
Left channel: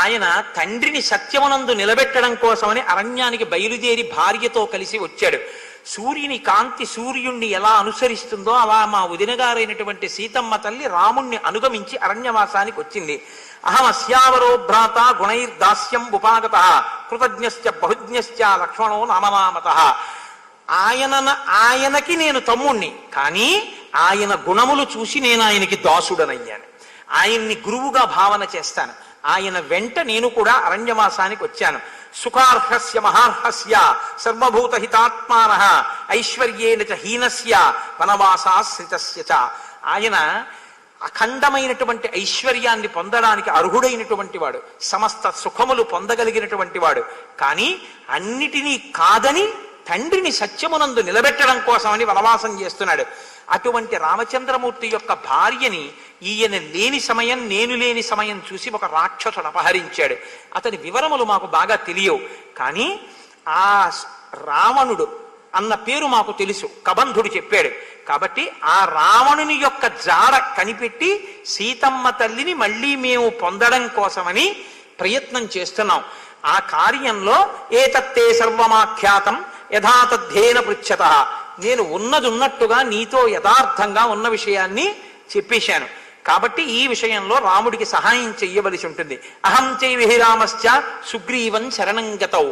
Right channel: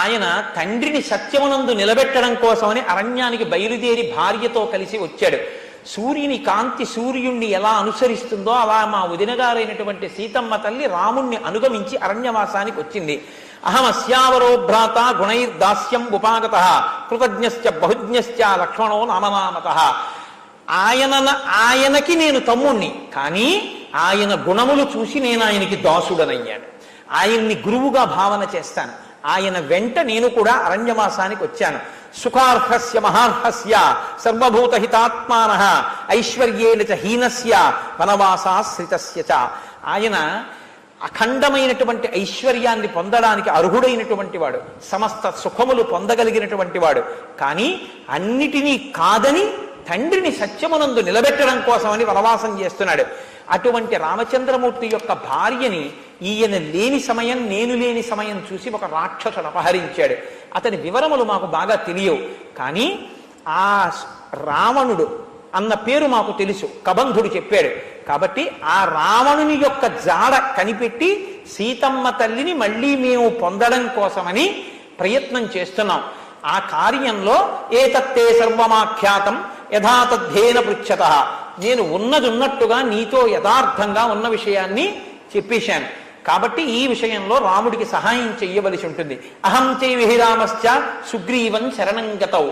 ఆయన తండ్రిని సత్యమునందు నిలబెట్టడం కోసమని అరణ్యానికి బయలుదేరి భార్యతో కలిసి వచ్చాడు. సూర్యుని కాంతి సూర్యుణ్ణి ఎలా అనుసరిస్తుందో అలా మా వదినగారైనటువంటి సీతమ్మ తల్లి రాముణ్ణి అనుగమించి అరణ్యవాసానికి వచ్చింది. అహం అస్యావరో భ్రాత గుణైర్దాస్యం ఉపాగత కృతజ్ఞశ్చ బహుజ్ఞశ్చ లక్ష్మణో నామనామత. ఆయనకి నేను తమ్ముణ్ణి, కానీ ఆయన గుణములు చూసి నేను ఆయనకి దాసుడనయ్యాను. ఆయన్ని గురువుగా భావన చేస్తాను. ఆయన వెంట నేను కూడా అరణ్యవాసానికి వచ్చాను. సుఖార్హస్య మహార్హస్య సర్వభూత హితాత్మానః ఐశ్వర్యేన చ హీనస్య వనవాసాశ్రితస్య చ. ఆయన అఖండమైనటువంటి ఐశ్వర్యాన్ని పొందడానికి అర్హుడైనటువంటి వాడు, సమస్త సుఖములు పొందగలిగినటువంటి వాడు. కానీ అన్నిటినీ కాదని తండ్రిని సత్యమునందు నిలబెట్టడం కోసమని వనవాసం చేస్తున్నాడు. అటువంటి రామచంద్రమూర్తి యొక్క భార్యని ఈయన లేని సమయం, నేను లేని సమయం చూసి ఒక రాక్షసుడు అపహరించాడు. అతని వివరములు మాకు బాగా తెలియవు, కానీ ఆ రావణుడు అన్న పేరు మాకు తెలుసు, కబంధుడు చెప్పాడు. కాబట్టి ఆ రావణుని యొక్క జాడ కనిపెట్టి సీతమ్మ తల్లిని మళ్ళీ మేము పొందడం కోసమని ప్రయత్నం చేస్తున్నాం. ఆ కార్యంలో ఏతత్తే సర్వమాఖ్యాతం యథాతథ్యేన పృచ్ఛతః. నేను ఉన్నది ఉన్నట్టుగా నీతో యథార్థంగా ఉన్న విషయాన్ని చెప్పేశాను. కాబట్టి ఈ విషయంలో రాముడికి సహాయం చెయ్యవలసి ఉంటుంది. అహం చైవేహి రామశ్చ సుగ్రీవం శరణంగతౌ,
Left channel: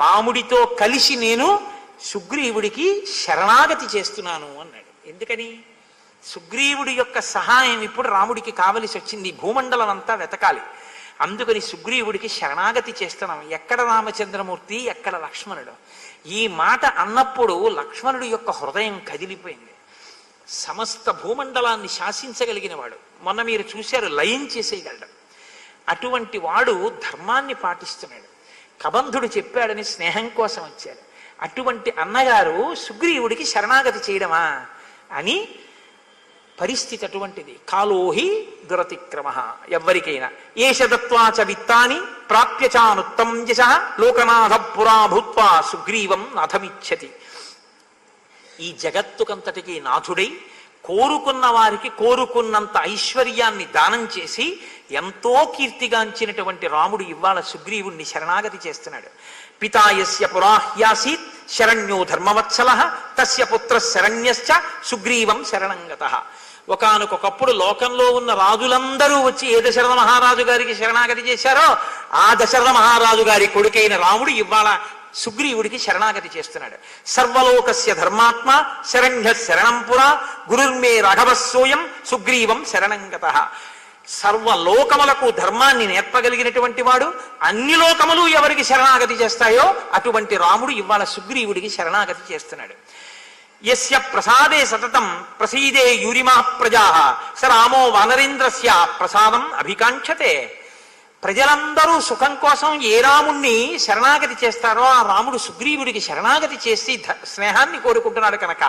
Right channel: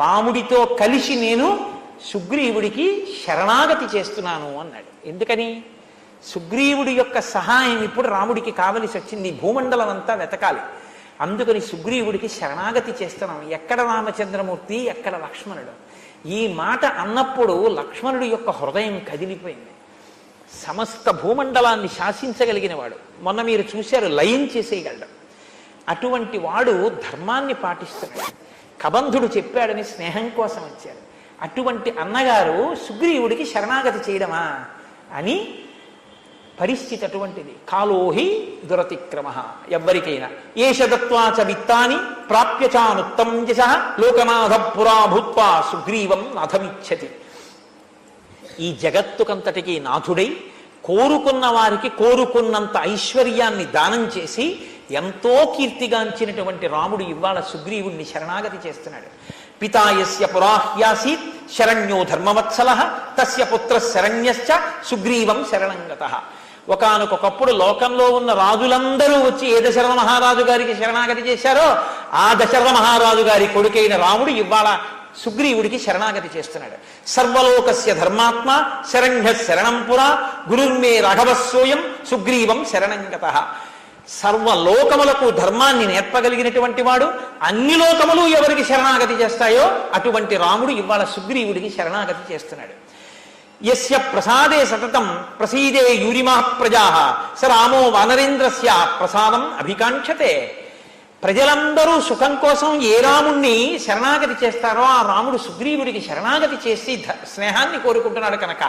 రాముడితో కలిసి నేను సుగ్రీవుడికి శరణాగతి చేస్తున్నాను అన్నాడు. ఎందుకని? సుగ్రీవుడి యొక్క సహాయం ఇప్పుడు రాముడికి కావలసి వచ్చింది. భూమండలం అంతా వెతకాలి. అందుకని సుగ్రీవుడికి శరణాగతి చేస్తున్నాం. ఎక్కడ రామచంద్రమూర్తి, ఎక్కడ లక్ష్మణుడు? ఈ మాట అన్నప్పుడు లక్ష్మణుడి యొక్క హృదయం కదిలిపోయింది. సమస్త భూమండలాన్ని శాసించగలిగిన వాడు, మొన్న మీరు చూశారు, లయం చేసేయగలడు. అటువంటి వాడు ధర్మాన్ని పాటిస్తున్నాడు. కబంధుడు చెప్పాడని స్నేహం కోసం వచ్చారు. అటువంటి అన్నగారు సుగ్రీవుడికి శరణాగతి చేయడమా అని పరిస్థితి అటువంటిది. కాలోహి దురతిక్రమ, ఎవ్వరికైనా ఏష దత్వాచ విత్తాని ప్రాప్యచానుత్తం యశ లోకనాథ పురా భూత్వా సుగ్రీవం నాథమిచ్చతి. ఈ జగత్తుకంతటికి నాథుడై కోరుకున్న వారికి కోరుకున్నంత ఐశ్వర్యాన్ని దానం చేసి ఎంతో కీర్తిగాంచినటువంటి రాముడు ఇవాళ సుగ్రీవుణ్ణి శరణాగతి చేస్తున్నాడు. పితాయస్య పురాహ్యాసీత్ శరణ్యో ధర్మవత్సలః తస్య పుత్ర శరణ్యశ్చ సుగ్రీవం శరణంగతః. ఒకానొకప్పుడు లోకంలో ఉన్న రాజులందరూ వచ్చి ఏ దశరథ మహారాజు గారికి శరణాగతి చేశారో ఆ దశరథ మహారాజు గారి కొడుకైన రాముడు ఇవాళ సుగ్రీవుడికి శరణాగతి చేస్తున్నాడు. సర్వలోకస్య ధర్మాత్మ శరణ్య శరణం పురా గురుర్మే రాఘవస్సోయం సుగ్రీవం శరణంగతః. సర్వలోకములకు ధర్మాన్ని నేర్పగలిగినటువంటి వాడు, అన్ని లోకములు ఎవరికి శరణాగతి చేస్తాయో అటువంటి రాముడు ఇవాళ సుగ్రీవుడికి శరణాగతి చేస్తున్నాడు. యస్య ప్రసాదే సతతం ప్రసీదే యూరిమా ప్రజాః స రామో వానరేంద్రస్య ప్రసాదం అభికాంక్షతే. ప్రజలందరూ సుఖం కోసం ఏ రాముణ్ణి శరణాగతి చేస్తారో ఆ రాముడు సుగ్రీవుడికి శరణాగతి చేసి స్నేహాన్ని కోరుకుంటున్నాడు. కనుక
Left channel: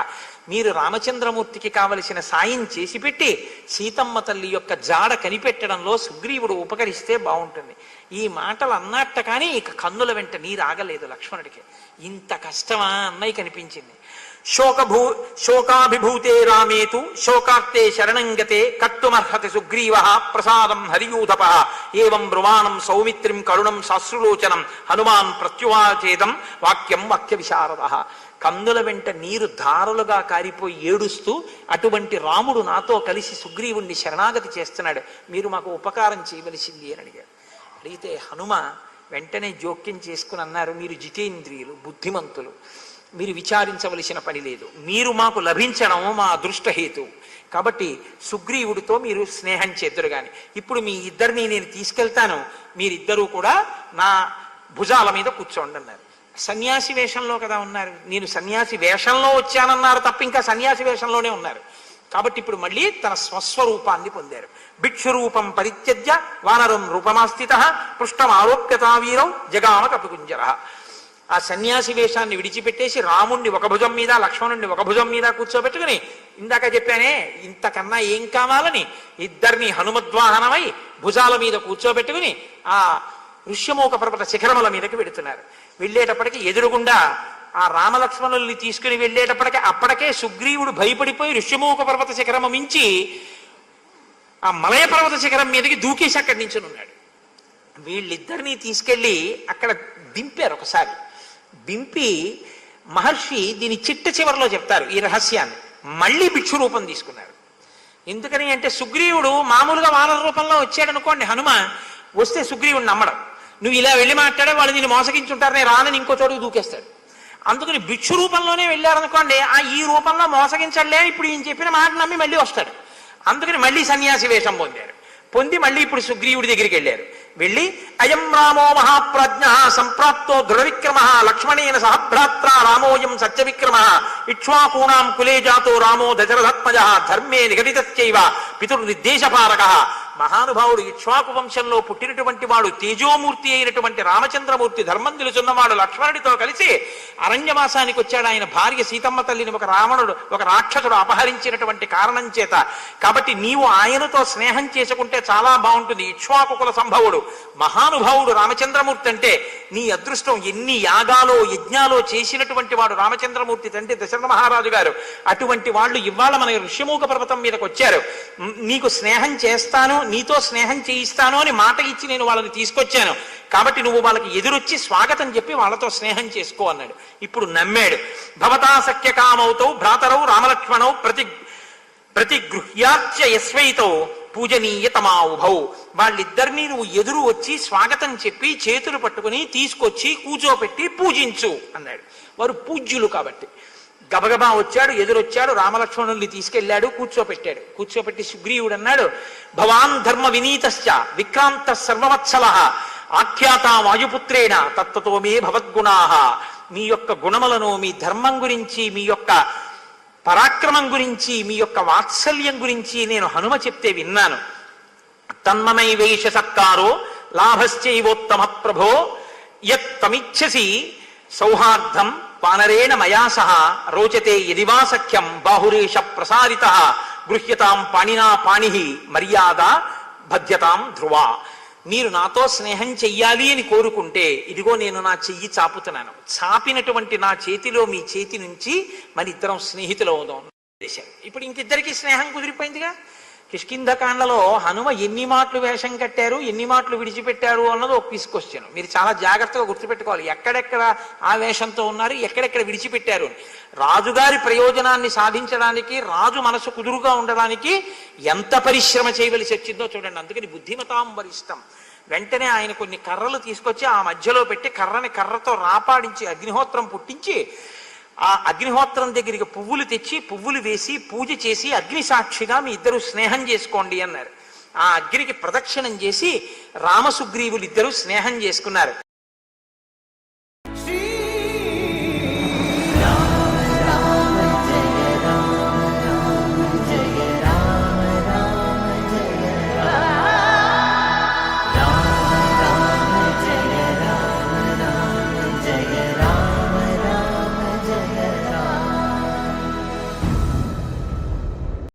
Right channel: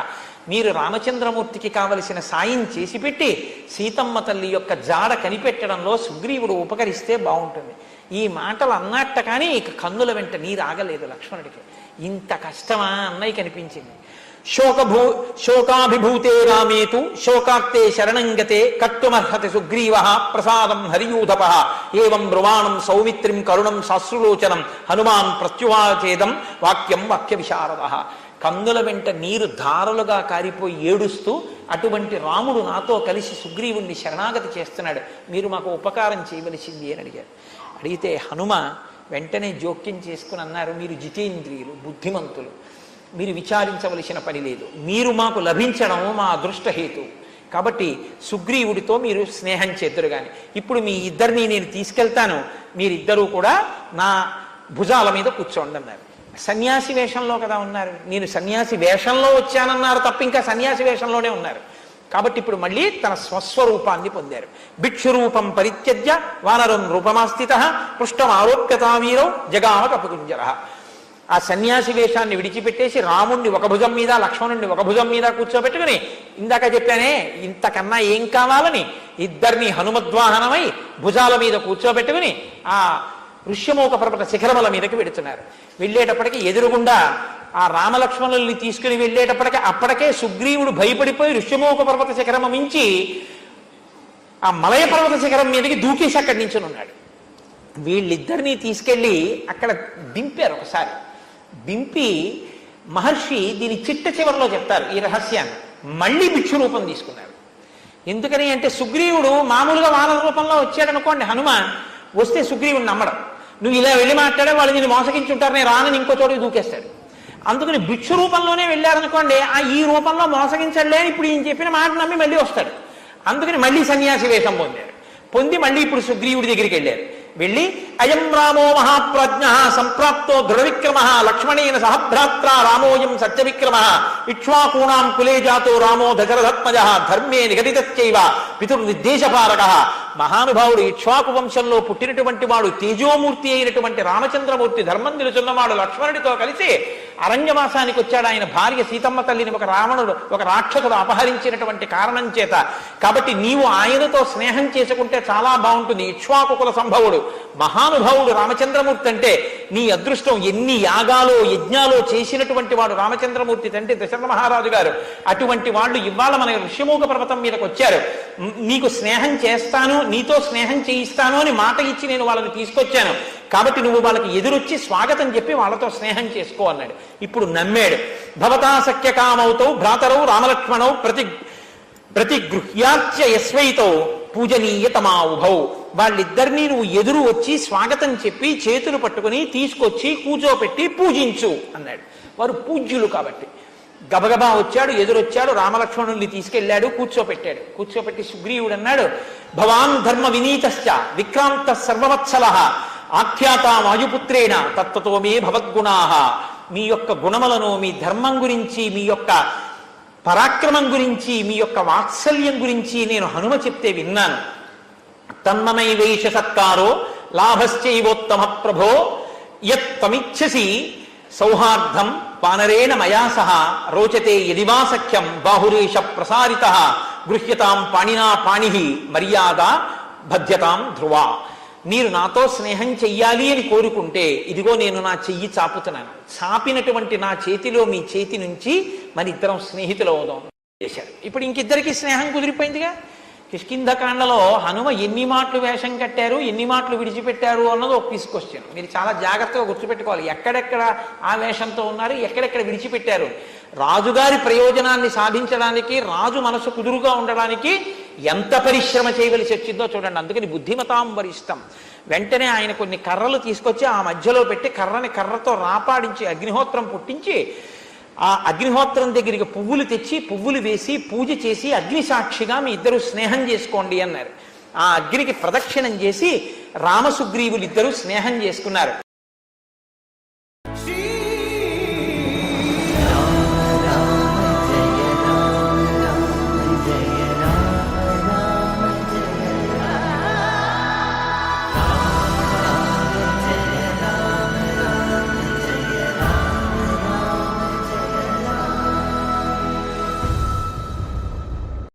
మీరు రామచంద్రమూర్తికి కావలసిన సాయం చేసి పెట్టి సీతమ్మ తల్లి యొక్క జాడ కనిపెట్టడంలో సుగ్రీవుడు ఉపకరిస్తే బాగుంటుంది. ఈ మాటలు అన్నట్ట కానీ ఇక కన్నుల వెంట నీరు ఆగలేదు లక్ష్మణుడికి. ఇంత కష్టమా అన్నయ్య కనిపించింది. శోకాభిభూతే రామేతు శోకార్తే శరణంగతే కర్తుమర్హతి సుగ్రీవః ప్రసాదం హరియూధప ఏవం బ్రువాణం సౌమిత్రిం కరుణం శాశ్రులోచనం హనుమాన్ ప్రత్యువాచేదం వాక్యం వాక్య విశారదః. కందుల వెంట నీరు ధారలుగా కారిపోయి ఏడుస్తూ అటువంటి రాముడు నాతో కలిసి సుగ్రీవుణ్ణి శరణాగతి చేస్తున్నాడు, మీరు మాకు ఉపకారం చేయవలసింది అని అడిగారు. అడిగితే హనుమ వెంటనే జోక్యం చేసుకుని అన్నారు, మీరు జితేంద్రియులు, బుద్ధిమంతులు, మీరు విచారించవలసిన పని లేదు. మీరు మాకు లభించడం మా అదృష్టహేతు. కాబట్టి సుగ్రీవుడితో మీరు స్నేహం చేతురు గాని ఇప్పుడు మీ ఇద్దరిని నేను తీసుకెళ్తాను, మీరిద్దరూ కూడా నా భుజాల మీద కూర్చోండి అన్నారు. సన్యాసి వేషంలో కదా ఉన్నారు, నేను సన్యాసి వేషంలో వచ్చానన్నారు తప్ప ఇంకా సన్యాసి వేషంలోనే ఉన్నారు. కాబట్టి ఇప్పుడు మళ్ళీ తన స్వస్వరూపాన్ని పొందారు. భిక్షురూపం పరిత్యజ్య వానరం రూపమాస్థితః పృష్టం ఆరోప్యతావీరౌ జగామ కపికుంజరః. ఆ సన్యాసి వేషాన్ని విడిచిపెట్టేసి రాముణ్ణి ఒక భుజం మీద లక్ష్మణుణ్ణి ఒక భుజం మీద కూర్చోబెట్టుకుని, ఇందాక చెప్పానే ఇంతకన్నా ఏం కావాలని, ఇద్దరిని హనుమద్వాహనమై భుజాల మీద కూర్చోబెట్టుకుని ఆ ఋష్యమూక పర్వత శిఖరముల మీదకి వెడుతున్నారు. వెళ్ళేటప్పటికి ఎదురుగుండా ఆ రామలక్ష్మణుల్ని తీసుకుని వెళ్ళేటప్పటికి అప్పటికే సుగ్రీవుడు భయపడిపోయి ఋష్యమూక పర్వత శిఖరము మించి ఆ మలయ పర్వత శిఖరం మీదకి దూకేసి అక్కడి నుంచి ఉన్నాడు. వీళ్ళిద్దరినీ తీసుకెళ్లి అక్కడ దింపారు. ఒకసారి దింపి మహర్షి దీని చిట్ట చివరిలో చెప్తారు ఈ రహస్యాన్ని. మళ్ళీ భిక్షు రూపం తీసుకున్నారు. ఎందుకని అంటే సుగ్రీవుడు మామూలుగా వానర రూపంలో వచ్చాడనుకోండి, హనుమ వస్తే సుగ్రీవుడు నమ్మడం, నువ్వు ఇలా వెళ్ళి మాట్లాడే వాళ్ళు నేను మోసగించుంటారు, నేను రానని ఇంకో చోటుకి దూకేస్తాడు. అందుకని భిక్షు రూపంలోనే వెళ్ళారనుకోండి, ఆ ఈ రూపంలో మోసగించలే ఇప్పుడు ఈయన చెప్పిన మాట నమ్మి మళ్ళీ వస్తాడు. అందుకని మళ్ళీ సన్యాసి వేషం పొందాడు. పొంది మళ్ళీ ఇప్పుడు సుగ్రీవుడి దగ్గరికి వెళ్ళారు. వెళ్ళి అయం రామో మహాప్రజ్ఞ సంప్రాప్తో దృఢవిక్రమ లక్ష్మణేన సహభ్రాత్ర రామోయం సత్యవిక్రమ ఇక్ష్వాకూణాం కులే జాతో రామో దశరథత్మజ ధర్మే నిఘటితశ్చైవ పితుర్నిర్దేశపారక. మహానుభావుడు ఇక్ష్వాకు వంశంలో పుట్టినటువంటి వాడు, తేజోమూర్తి అయినటువంటి రామచంద్రమూర్తి, ధర్మం నిలుచున్నవాడు లక్ష్మణుడితో కలిసి అరణ్యవాసానికి వచ్చాడు. ఆయన భార్య సీతమ్మ తల్లిని ఒక రాక్షసుడు అపహరించినటువంటి కారణం చేత. కాబట్టి నీవు ఆయనతో స్నేహం చేసుకుంటే చాలా బాగుంటుంది. ఇక్ష్వాకు కుల సంభవుడు మహానుభావుడు రామచంద్రమూర్తి అంటే నీ అదృష్టం. ఎన్ని యాగాలో యజ్ఞాలో చేసినటువంటి వాడు రామచంద్రమూర్తి అంటే దశరథ మహారాజు గారు. అటువంటి వాళ్ళు ఇవాళ మన ఋష్యమూక పర్వతం మీదకి వచ్చారు. నీకు స్నేహం చేస్తాను, నీతో స్నేహం చేయిస్తాను అని మాట ఇచ్చి నేను వాళ్ళని తీసుకొచ్చాను. కాబట్టి నువ్వు వాళ్ళకి ఎదురొచ్చి స్వాగతం చెప్పి వాళ్ళతో స్నేహం చేసుకో అన్నాడు. ఇప్పుడు నమ్మాడు. భవతా సఖ్యకామౌతౌ భ్రాతరౌ రామలక్ష్మణౌ ప్రతిగృహ్యాచ్య యస్వైతౌ పూజనీయతమావుభౌ. వాళ్ళిద్దరినీ నువ్వు ఎదురు వచ్చి స్వాగతం చెప్పి చేతులు పట్టుకుని తీసుకొచ్చి కూర్చోపెట్టి పూజించు అన్నాడు. వారు పూజ్యులు కాబట్టి గబగబా వచ్చాడు, ఎదురొచ్చాడు, రామలక్ష్మణుల్ని తీసుకెళ్లాడు, కూర్చోపెట్టాడు. కూర్చోపెట్టి సుగ్రీవుడు అన్నాడు, భవాన్ ధర్మ వినీతశ్చ విక్రాంత సర్వవత్సల ఆఖ్యాత వాయుపుత్రేణ తత్వతో మే భవద్గుణాః. మీ యొక్క గుణములను, మీ ధర్మం గురించి, మీ యొక్క పరాక్రమం గురించి, మీ యొక్క వాత్సల్యం గురించి నేను హనుమ చెప్తే విన్నాను. తన్మమైవేష సత్కారో లాభశ్చైవోత్తమ ప్రభో యత్ తమిచ్చసి సౌహార్దం వానరేణ మయా సహ రోచతే యదివా సఖ్యం బాహురేష ప్రసారిత గృహ్యతాం పాణినా పాణి మర్యాద భద్యతాం ధ్రువా. మీరు నాతో స్నేహం చెయ్యాలి అని కోరుకుంటే ఇదిగో నేను నా చెయ్యి చాపుతున్నాను. చాపినటువంటి నా చేతిలో మీ చేతి నుంచి మన ఇద్దరం స్నేహితులు అవుదాం చేశారు. ఇప్పుడు ఇంకిద్దరికి స్నేహం కుదిరిపోయిందిగా. కిష్కింధకాండలో హనుమ ఎన్ని మాటలు వేషం కట్టారు, ఎన్ని మాటలు విడిచిపెట్టారు అన్నది ఒక తీసుకొచ్చాను. మీరు చాలా జాగ్రత్తగా గుర్తుపెట్టుకోవాలి. ఎక్కడెక్కడ ఆ వేషంతో ఉన్నారు, ఎక్కడెక్కడ విడిచిపెట్టారు. రాజుగారి ప్రయోజనాన్ని సాధించడానికి, రాజు మనసు కుదురుగా ఉండడానికి ఎంత పరిశ్రమ చేయవలసి వచ్చిందో చూడండి. అందుకని బుద్ధిమతాం వరిష్టం. వెంటనే ఆయన కొన్ని కర్రలు తీసుకొచ్చి ఆ మధ్యలో పెట్టి కర్రని కర్రతో రాపాడించి అగ్నిహోత్రం పుట్టించి ఆ అగ్నిహోత్రం దగ్గరికి పువ్వులు తెచ్చి పువ్వులు వేసి పూజ చేసి అగ్ని సాక్షిగా మీ ఇద్దరు స్నేహం చేసుకోండి అన్నారు. ఆ అగ్నికి ప్రదక్షిణం చేసి రామసుగ్రీవులు ఇద్దరు స్నేహం చేసుకున్నారు.